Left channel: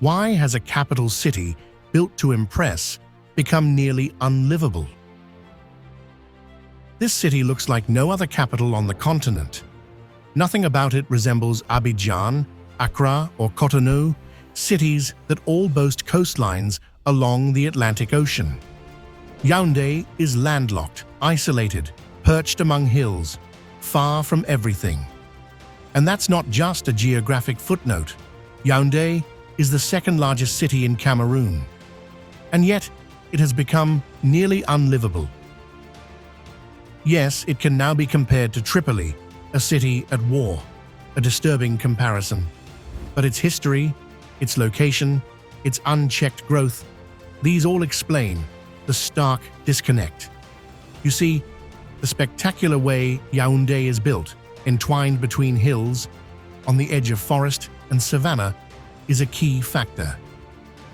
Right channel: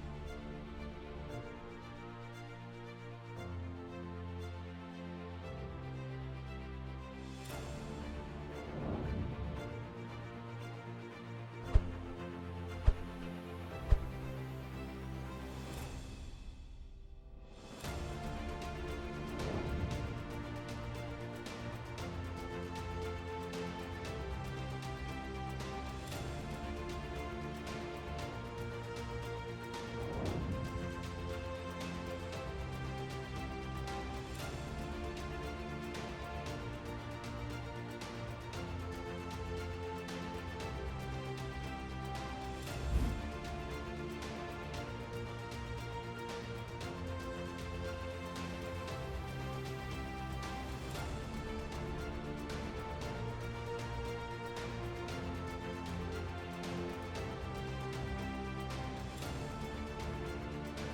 Why has a capital city built to impress become nearly unlivable? This city looks like no other capital on the continent. Nothing about it resembles Abidjan, Accra, or Cotonou, cities that all boast coastlines along the Atlantic Ocean. Yaoundé is landlocked, isolated, perched among hills, far from everything. And that's not just a geographic footnote. Yaoundé is the second largest city in Cameroon. And yet, it has become nearly unlivable. Yes, it can now be compared to Tripoli, a city at war, a disturbing comparison. But its history, its location, its unchecked growth, these all explain the stark disconnect. You see, the spectacular way Yaoundé is built, entwined between hills, on the edge of forest and savanna, is a key factor.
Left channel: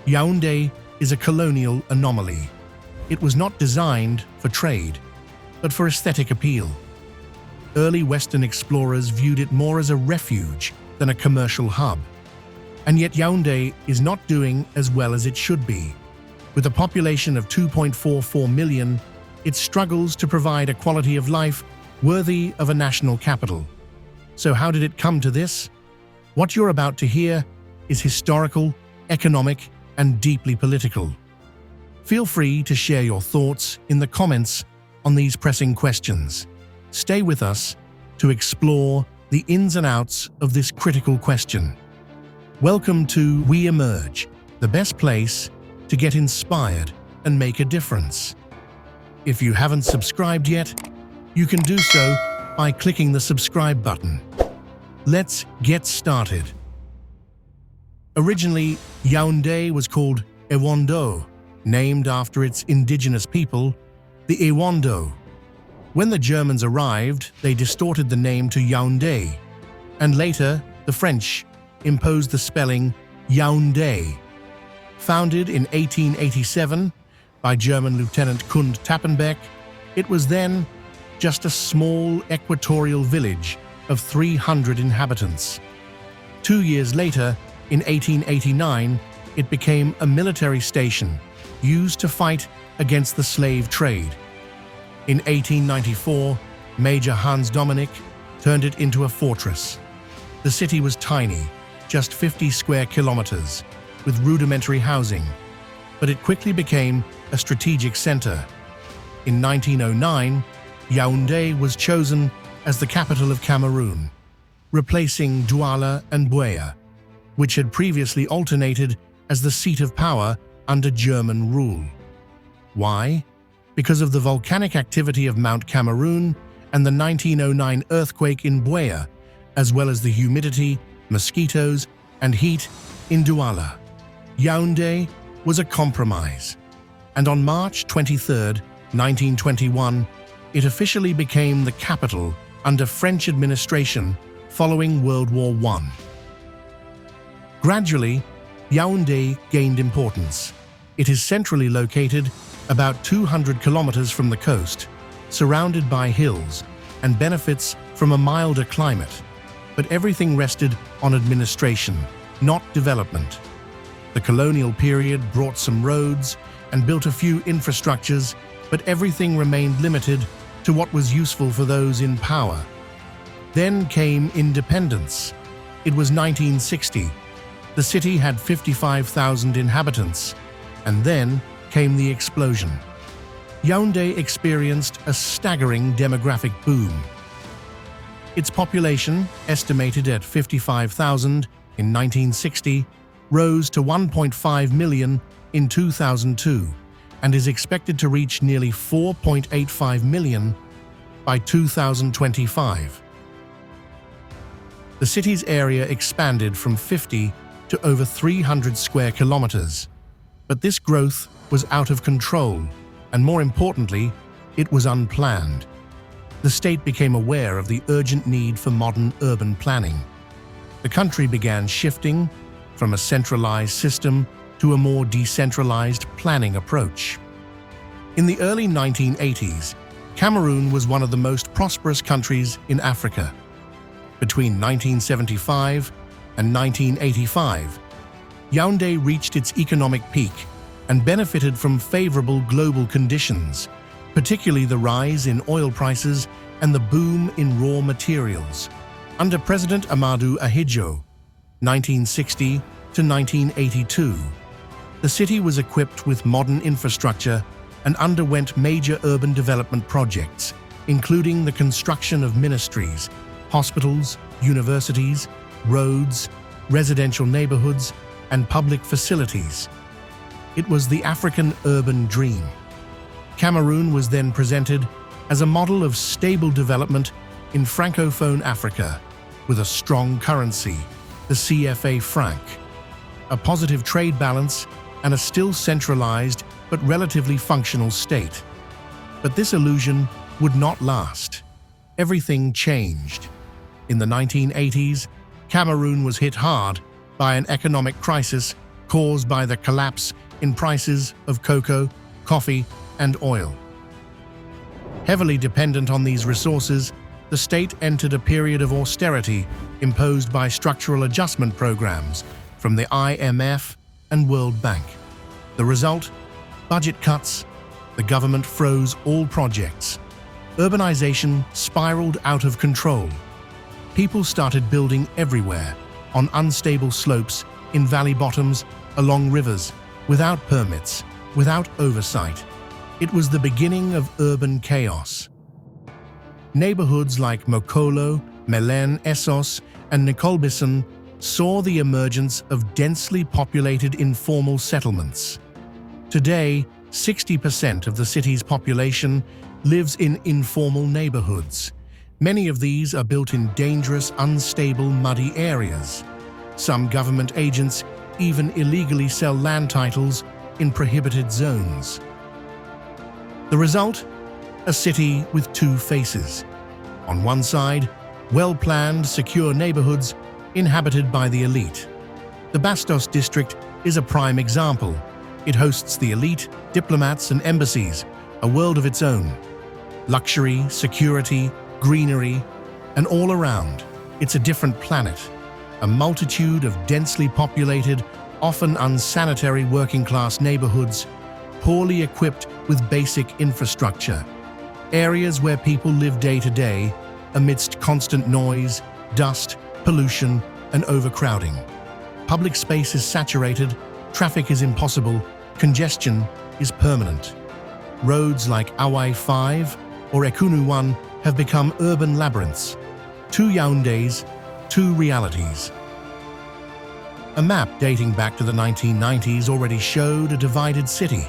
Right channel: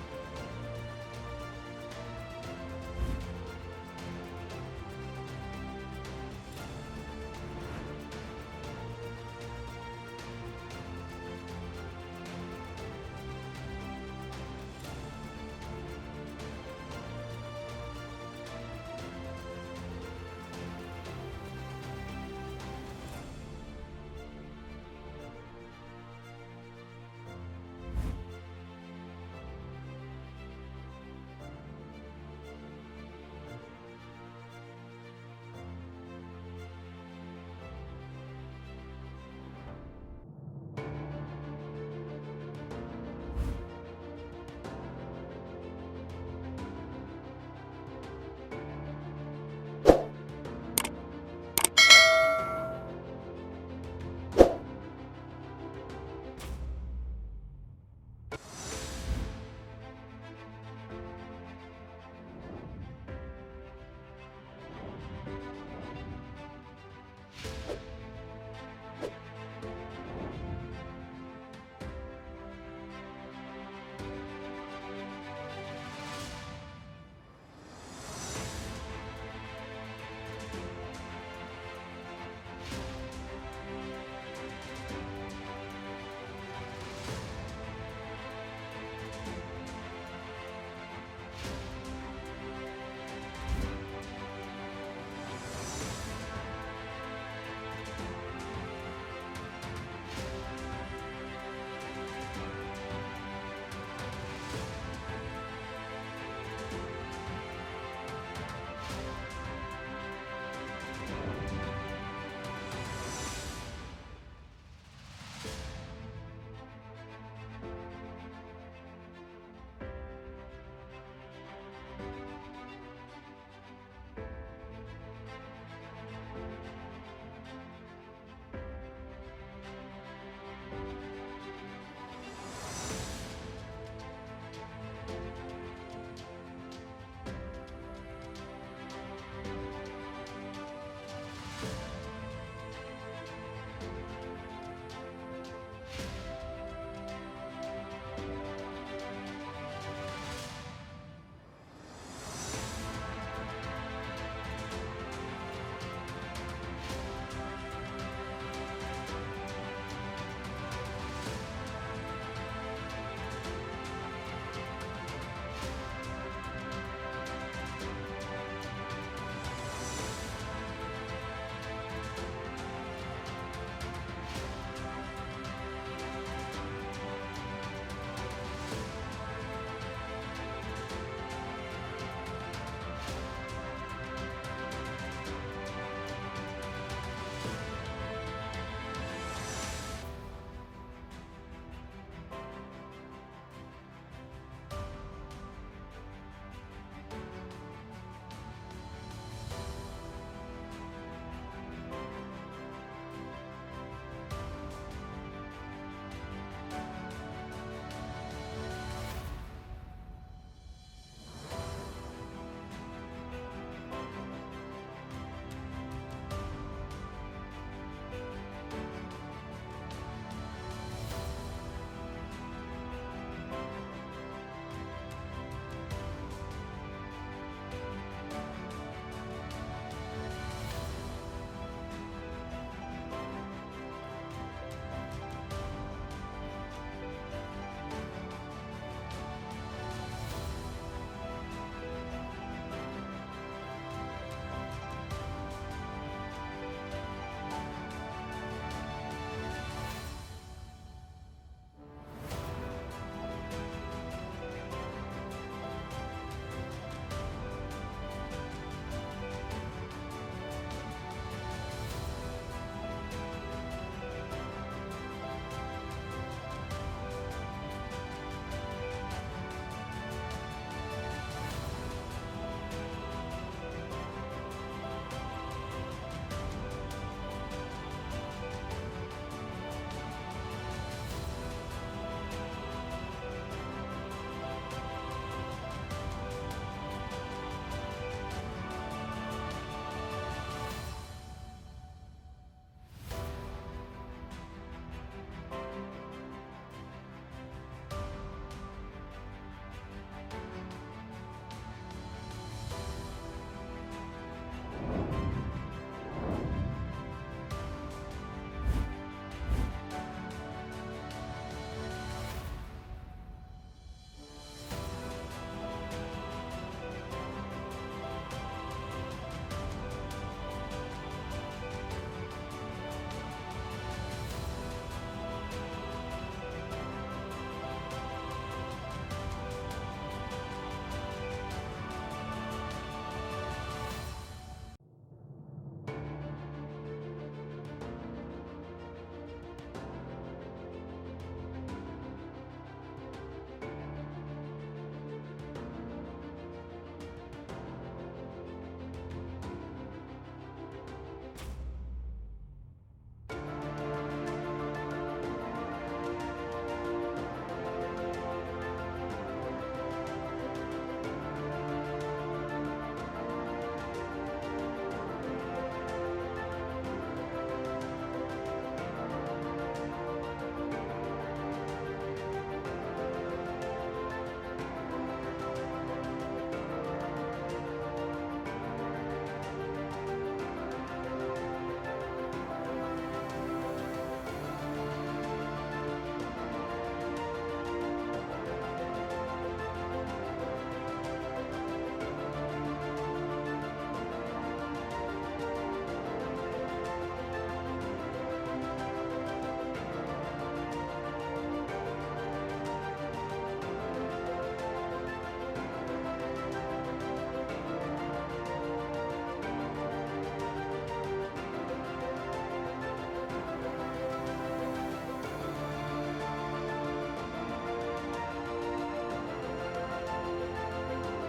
Yaoundé is a colonial anomaly. It was not designed for trade, but for aesthetic appeal. Early Western explorers viewed it more as a refuge than a commercial hub. And yet Yaoundé is not doing as well as it should be. With a population of 2.44 million, it struggles to provide a quality of life worthy of a national capital. So how did it come to this? What you're about to hear is historical, economic, and deeply political. Feel free to share your thoughts in the comments on these pressing questions. Stay with us to explore the ins and outs of this critical question. Welcome to We Emerge, the best place to get inspired and make a difference. If you haven't subscribed yet, you can do so by clicking the subscribe button. Let's get started. Originally, Yaoundé was called Ewondo, named after its indigenous people, the Ewondo. When the Germans arrived, they distorted the name to Yaoundé, and later the French imposed the spelling Yaoundé. Founded in 1887 by German Lieutenant Kund Tappenbeck, it was then just a small equatorial village of 300 inhabitants. 2 years later, in 1889, it became a military station used to fight against the slave trade. In 1894, Major Hans Dominic turned it into a fortress. The city was tiny, just 50 square kilometers, with rudimentary housing, but it quickly became a strategic center. In 1909, Yaoundé was chosen as the capital of Cameroon, replacing Douala and Buea, which had previously alternated as the seat of power under German rule. Why? Because of the volcanic activity of Mount Cameroon and the 1909 earthquake in Buea, as well as the humidity, mosquitoes, and heat in Douala. Yaoundé was a compromise, and on March 23, 1921, it officially became the capital under French administration following World War I. Gradually, Yaoundé gained importance. It is centrally located, about 200 kilometers from the coast, surrounded by hills, and benefits from a milder climate. But everything rested on administration, not development. The colonial period brought some roads and built a few infrastructures, but everything remained limited to what was useful for those in power. Then came independence. It was 1960. The city had 55,000 inhabitants, and then came the explosion. Yaoundé experienced a staggering demographic boom. Its population, estimated at 55,000 in 1960, rose to 1.5 million in 2002 and is expected to reach nearly 4.85 million by 2025. The city's area expanded from 50 to over 300 square kilometers. But this growth was out of control, and more importantly, it was unplanned. The state became aware of the urgent need for modern urban planning. The country began shifting from a centralized system to a more decentralized planning approach. In the early 1980s, Cameroon was one of the most prosperous countries in Africa. Between 1975 and 1985, Yaoundé reached its economic peak and benefited from favorable global conditions, particularly the rise in oil prices and the boom in raw materials. Under President Amadou Ahidjo, 1960 to 1982, the city was equipped with modern infrastructure and underwent major urban development projects, including the construction of ministries, hospitals, universities, roads, residential neighborhoods, and public facilities. It was the African urban dream. Cameroon was then presented as a model of stable development in Francophone Africa, with a strong currency, the CFA franc, a positive trade balance, and a still centralized but relatively functional state. But this illusion would not last. Everything changed. In the 1980s, Cameroon was hit hard by an economic crisis caused by the collapse in prices of cocoa, coffee, and oil. Heavily dependent on these resources, the state entered a period of austerity imposed by structural adjustment programs from the IMF and World Bank. The result? Budget cuts. The government froze all projects. Urbanization spiraled out of control. People started building everywhere, on unstable slopes, in valley bottoms, along rivers, without permits, without oversight. It was the beginning of urban chaos. Neighborhoods like Mokolo, Mélène, Essos, and Nicolbisson saw the emergence of densely populated informal settlements. Today, 60% of the city's population lives in informal neighborhoods. Many of these are built in dangerous, unstable, muddy areas. Some government agents even illegally sell land titles in prohibited zones. The result? A city with two faces. On one side, well-planned, secure neighborhoods inhabited by the elite. The Bastos district is a prime example. It hosts the elite, diplomats and embassies, a world of its own. Luxury, security, greenery, and all around, it's a different planet. A multitude of densely populated, often unsanitary working-class neighborhoods, poorly equipped with basic infrastructure. Areas where people live day to day amidst constant noise, dust, pollution, and overcrowding. Public space is saturated, traffic is impossible, congestion is permanent. Roads like Awai 5 or Ekunu 1 have become urban labyrinths. Two Yaoundés, two realities. A map dating back to the 1990s already showed a divided city.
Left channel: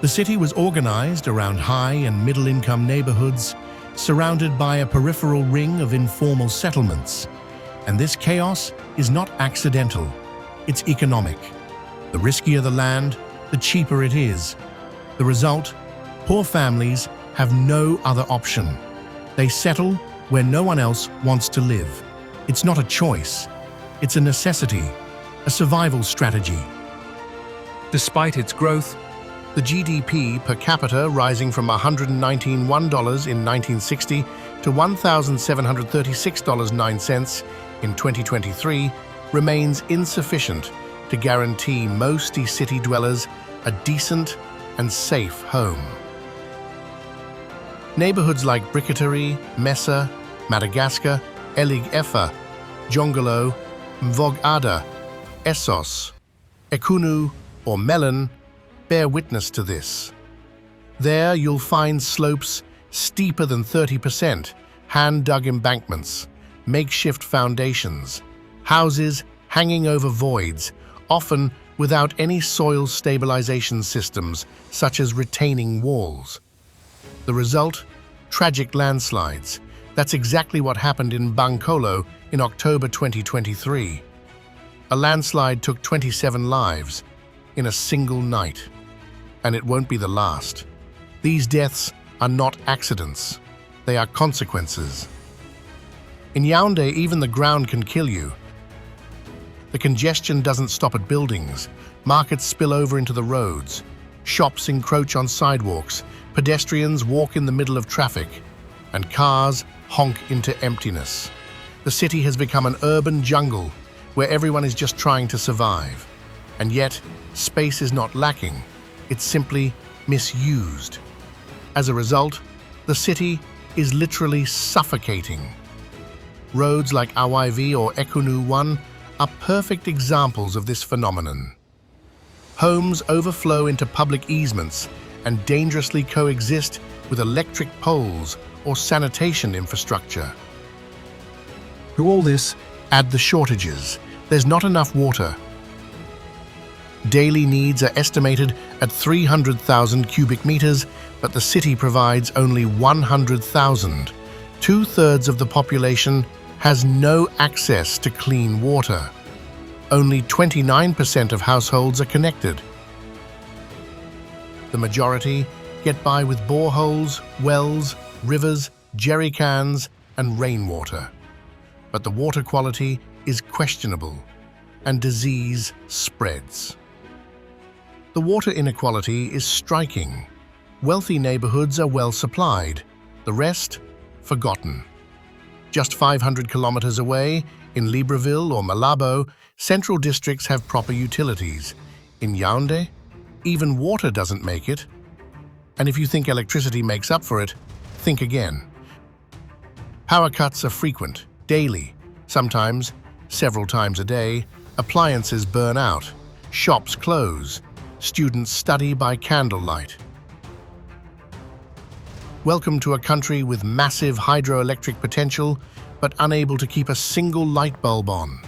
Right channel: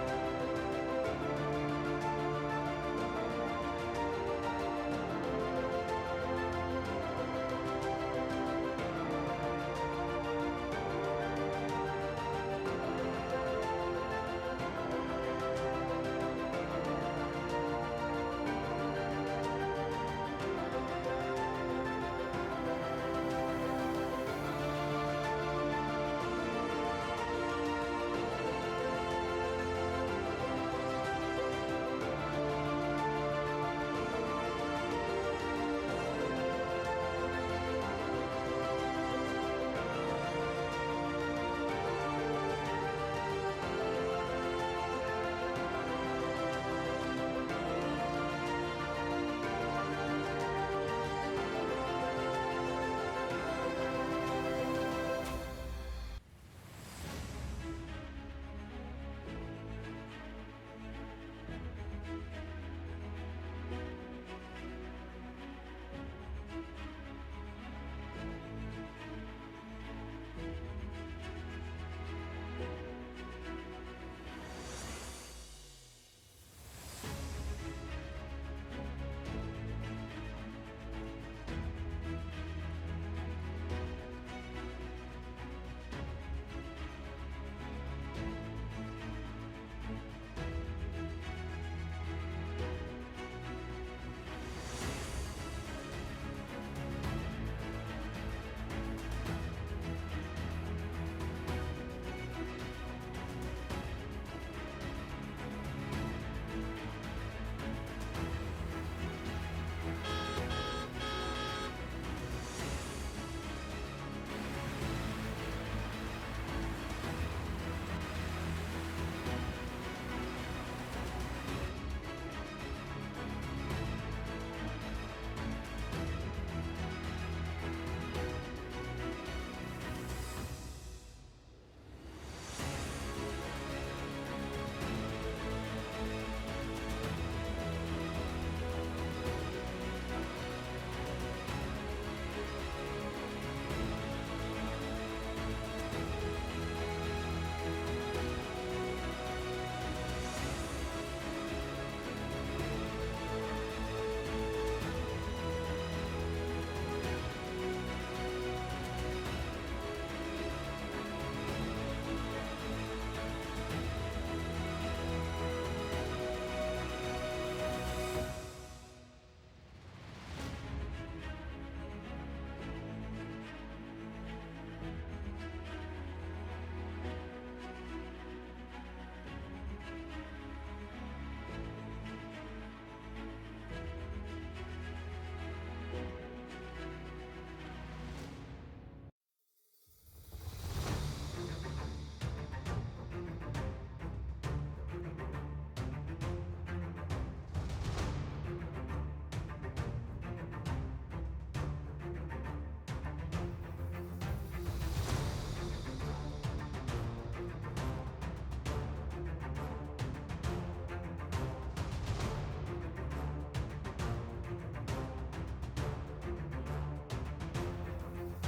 The city was organized around high and middle-income neighborhoods, surrounded by a peripheral ring of informal settlements. And this chaos is not accidental, it's economic. The riskier the land, the cheaper it is. The result? Poor families have no other option. They settle where no one else wants to live. It's not a choice, it's a necessity, a survival strategy. Despite its growth, The GDP per capita rising from $119 in 1960 to $1,736.09 in 2023 remains insufficient to guarantee most city dwellers a decent and safe home. Neighborhoods like Briqueterie, Messa, Madagascar, Elig Efa, Jongolo, Mvog Ada, Essos, Ekunu, or Mélène bear witness to this. There you'll find slopes steeper than 30%, hand-dug embankments, makeshift foundations, houses hanging over voids, often without any soil stabilization systems such as retaining walls. The result? Tragic landslides. That's exactly what happened in Bankolo in October 2023. A landslide took 27 lives in a single night. And it won't be the last. These deaths are not accidents. They are consequences. In Yaoundé, even the ground can kill you. The congestion doesn't stop at buildings. Markets spill over into the roads. Shops encroach on sidewalks. Pedestrians walk in the middle of traffic. And cars honk into emptiness. The city has become an urban jungle where everyone is just trying to survive. And yet, space is not lacking, it's simply misused. As a result, the city is literally suffocating. Roads like Awaivi or Ekunu 1 are perfect examples of this phenomenon. Homes overflow into public easements and dangerously coexist with electric poles or sanitation infrastructure. To all this, Add the shortages. There's not enough water. Daily needs are estimated at 300,000 cubic meters, but the city provides only 100,000. Two-thirds of the population has no access to clean water. Only 29% of households are connected. The majority get by with boreholes, wells, rivers, jerry cans, and rainwater. But the water quality is questionable, and disease spreads. The water inequality is striking. Wealthy neighborhoods are well supplied, the rest forgotten. Just 500 kilometers away, in Libreville or Malabo, central districts have proper utilities. In Yaoundé, even water doesn't make it. And if you think electricity makes up for it, think again. Power cuts are frequent, daily, sometimes several times a day. Appliances burn out, shops close, students study by candlelight. Welcome to a country with massive hydroelectric potential, but unable to keep a single light bulb on.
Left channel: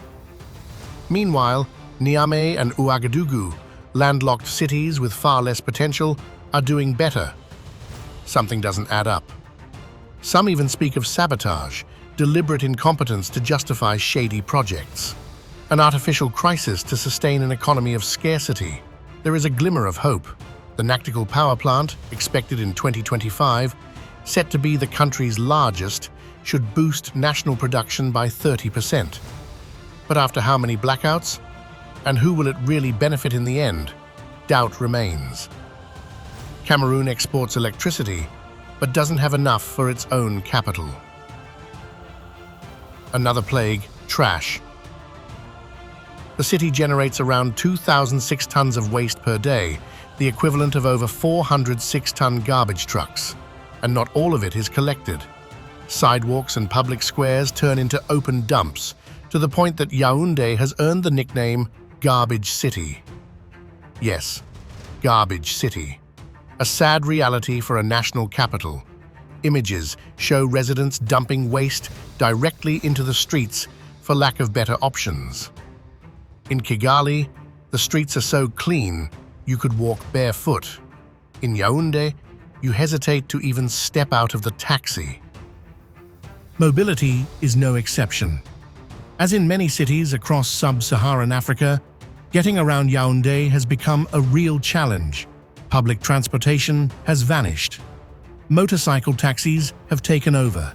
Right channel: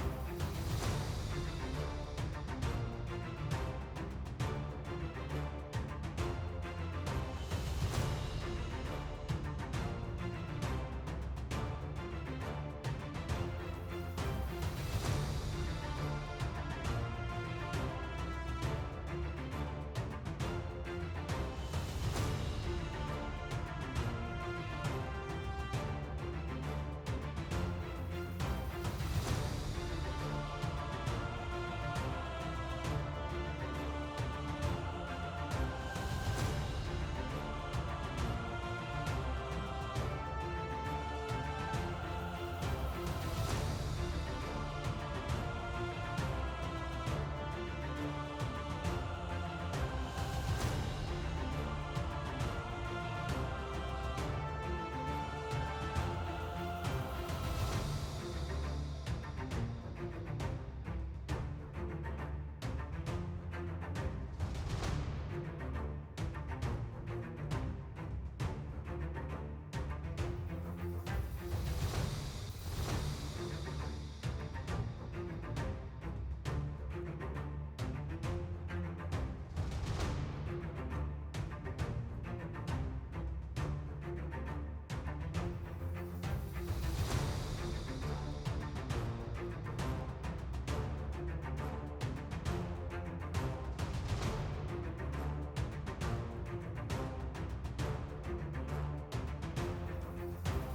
Meanwhile, Niamey and Ouagadougou, landlocked cities with far less potential, are doing better. Something doesn't add up. Some even speak of sabotage, deliberate incompetence to justify shady projects, an artificial crisis to sustain an economy of scarcity. There is a glimmer of hope. The Naktikal power plant, expected in 2025, set to be the country's largest, should boost national production by 30%. But after how many blackouts? And who will it really benefit in the end? Doubt remains. Cameroon exports electricity, but doesn't have enough for its own capital. Another plague, trash. The city generates around 2,006 tons of waste per day, the equivalent of over 400 6-ton garbage trucks. And not all of it is collected. Sidewalks and public squares turn into open dumps, to the point that Yaoundé has earned the nickname Garbage City. Yes, Garbage City. A sad reality for a national capital. Images show residents dumping waste directly into the streets for lack of better options. In Kigali, the streets are so clean you could walk barefoot. In Yaoundé, you hesitate to even step out of the taxi. Mobility is no exception. As in many cities across sub-Saharan Africa, getting around Yaoundé has become a real challenge. Public transportation has vanished. Motorcycle taxis have taken over.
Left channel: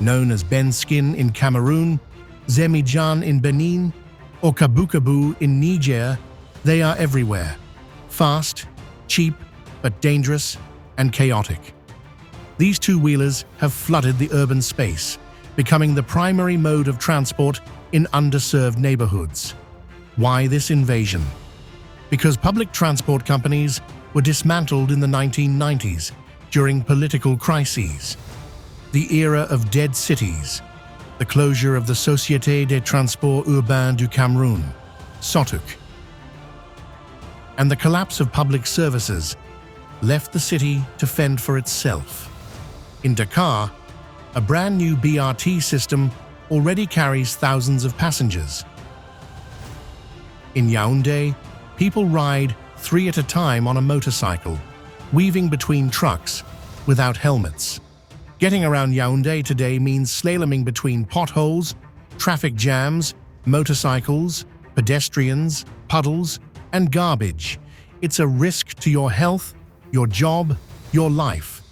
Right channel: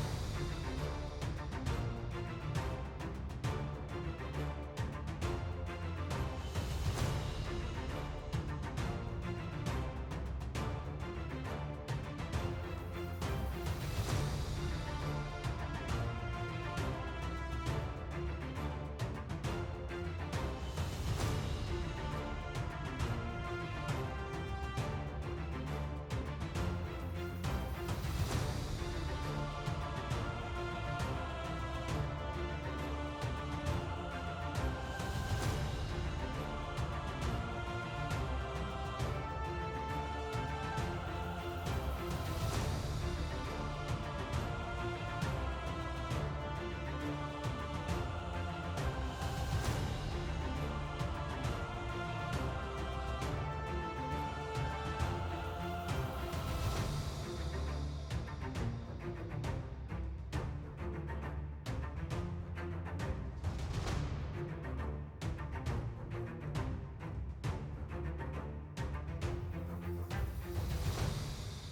Known as Benskin in Cameroon, Zemijan in Benin, or Kabukabu in Niger, they are everywhere. Fast, cheap, but dangerous and chaotic. These two-wheelers have flooded the urban space, becoming the primary mode of transport in underserved neighborhoods. Why this invasion? Because public transport companies were dismantled in the 1990s during political crises. The era of dead cities, the closure of the Société des Transports Urbains du Cameroun, SOTUC, and the collapse of public services left the city to fend for itself. In Dakar, a brand new BRT system already carries thousands of passengers. In Yaoundé, people ride 3 at a time on a motorcycle, weaving between trucks without helmets. Getting around Yaoundé today means slaloming between potholes, traffic jams, motorcycles, pedestrians, puddles, and garbage. It's a risk to your health, your job, your life.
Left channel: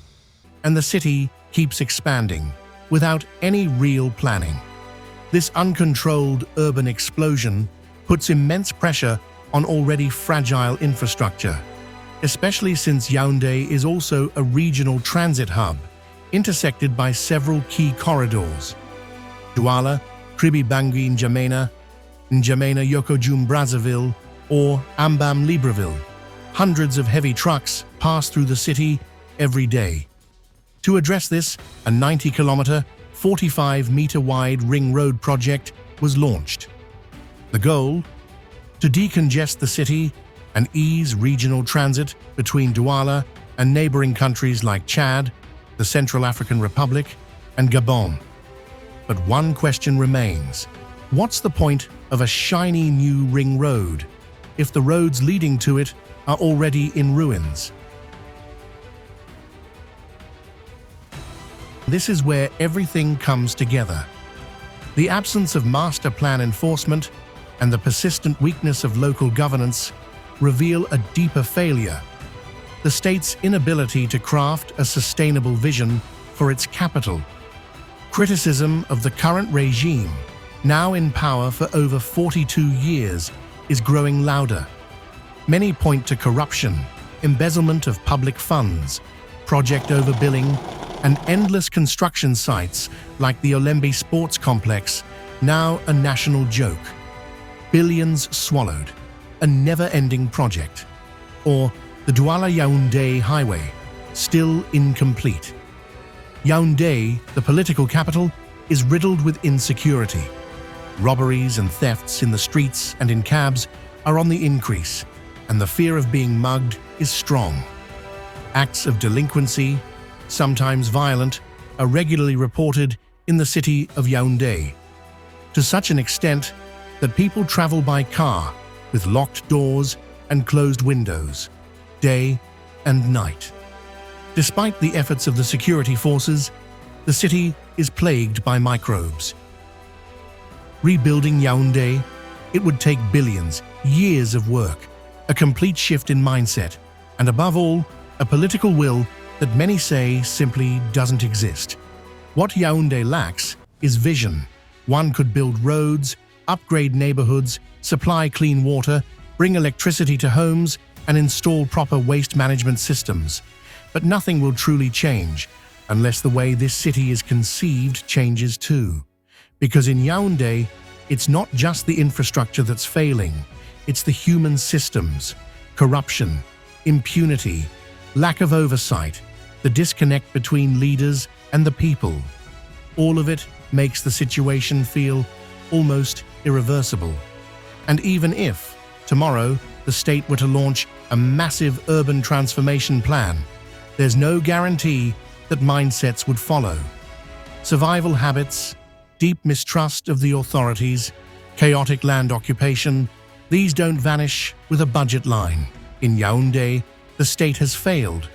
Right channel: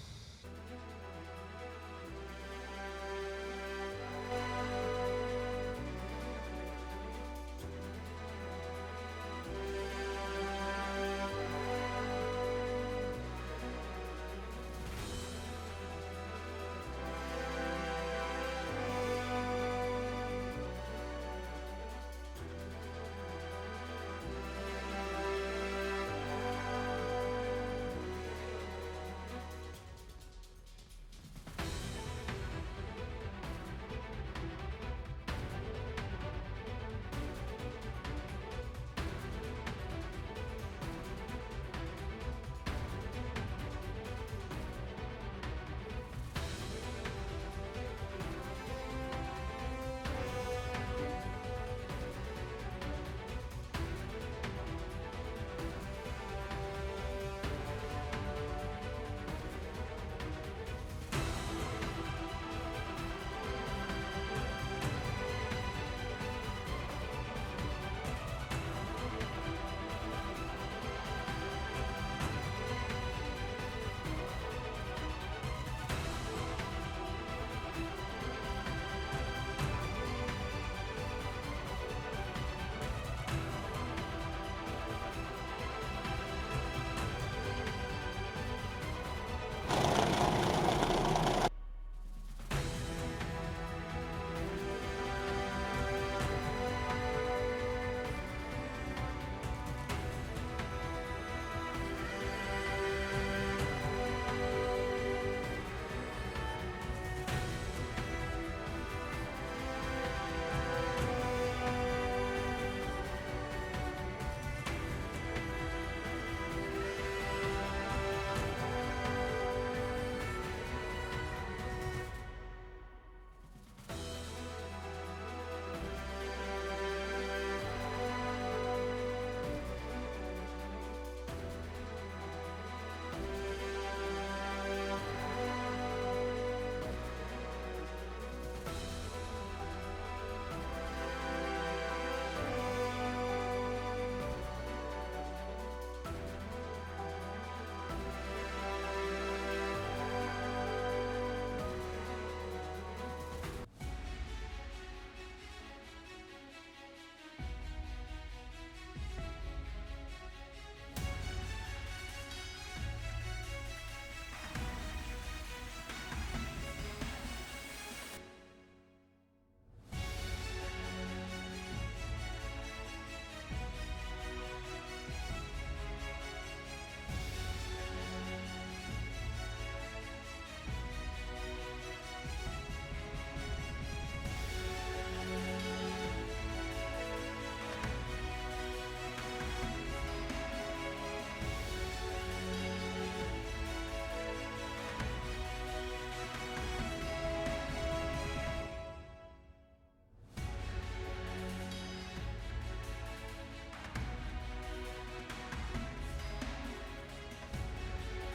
And the city keeps expanding without any real planning. This uncontrolled urban explosion puts immense pressure on already fragile infrastructure, especially since Yaoundé is also a regional transit hub, intersected by several key corridors: Douala, Kribi Bangui N'Djamena, N'Djamena Yokojum Brazzaville, or Ambam Libreville. Hundreds of heavy trucks pass through the city every day. To address this, a 90-kilometer, 45-meter-wide ring road project was launched. The goal? To decongest the city and ease regional transit between Douala and neighboring countries like Chad, the Central African Republic, and Gabon. But one question remains. What's the point of a shiny new ring road if the roads leading to it are already in ruins? This is where everything comes together. The absence of master plan enforcement and the persistent weakness of local governance reveal a deeper failure: the state's inability to craft a sustainable vision for its capital. Criticism of the current regime, now in power for over 42 years, is growing louder. Many point to corruption, embezzlement of public funds, project overbilling, and endless construction sites like the Olembe Sports Complex, now a national joke. Billions swallowed, a never-ending project. Or the Douala-Yaoundé Highway, still incomplete. Yaoundé, the political capital, is riddled with insecurity. Robberies and thefts in the streets and in cabs are on the increase, and the fear of being mugged is strong. Acts of delinquency, sometimes violent, are regularly reported in the city of Yaoundé, to such an extent that people travel by car with locked doors and closed windows, day and night. Despite the efforts of the security forces, the city is plagued by microbes. Rebuilding Yaoundé, it would take billions, years of work, a complete shift in mindset, and above all, a political will that many say simply doesn't exist. What Yaoundé lacks is vision. One could build roads, upgrade neighborhoods, supply clean water, bring electricity to homes, and install proper waste management systems. But nothing will truly change unless the way this city is conceived changes too. Because in Yaoundé, it's not just the infrastructure that's failing, it's the human systems, corruption, impunity, lack of oversight, the disconnect between leaders and the people. All of it makes the situation feel almost irreversible. And even if, tomorrow, the state were to launch a massive urban transformation plan, there's no guarantee that mindsets would follow. Survival habits, deep mistrust of the authorities, chaotic land occupation, these don't vanish with a budget line. In Yaoundé, the state has failed,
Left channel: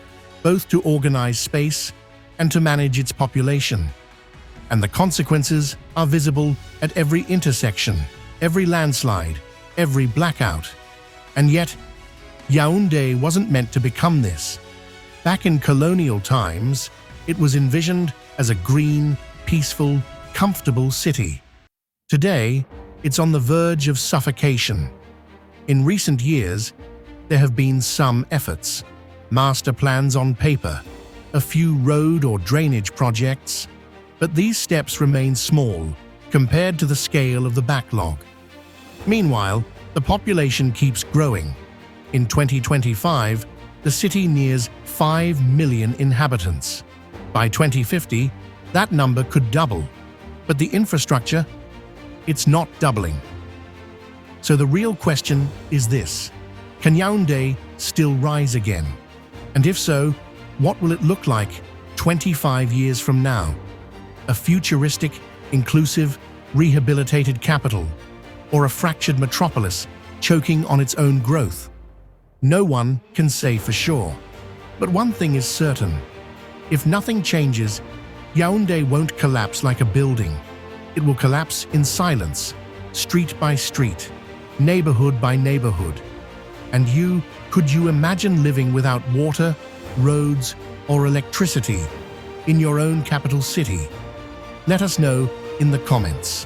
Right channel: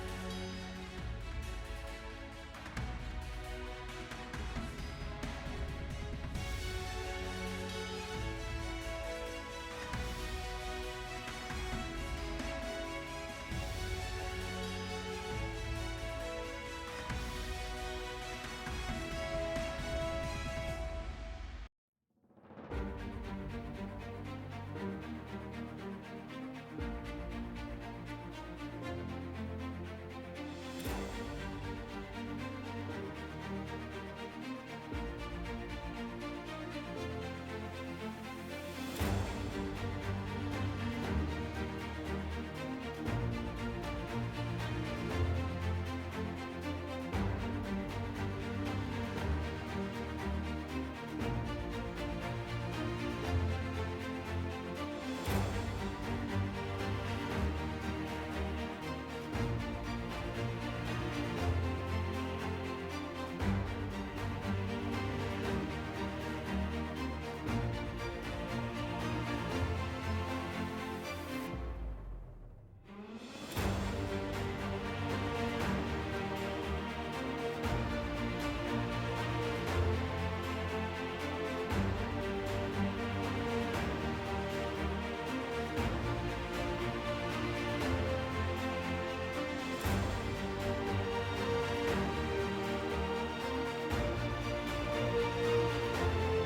both to organize space and to manage its population. And the consequences are visible at every intersection, every landslide, every blackout. And yet, Yaoundé wasn't meant to become this. Back in colonial times, it was envisioned as a green, peaceful, comfortable city. Today, it's on the verge of suffocation. In recent years, there have been some efforts, master plans on paper, a few road or drainage projects, but these steps remain small compared to the scale of the backlog. Meanwhile, the population keeps growing. In 2025, the city nears 5 million inhabitants. By 2050, that number could double, but the infrastructure, it's not doubling. So the real question is this: can Yaoundé still rise again? And if so, what will it look like 25 years from now? A futuristic, inclusive, rehabilitated capital, or a fractured metropolis choking on its own growth? No one can say for sure. But one thing is certain: if nothing changes, Yaoundé won't collapse like a building. It will collapse in silence, street by street, neighborhood by neighborhood. And could you imagine living without water, roads, or electricity in your own capital city? Let us know in the comments.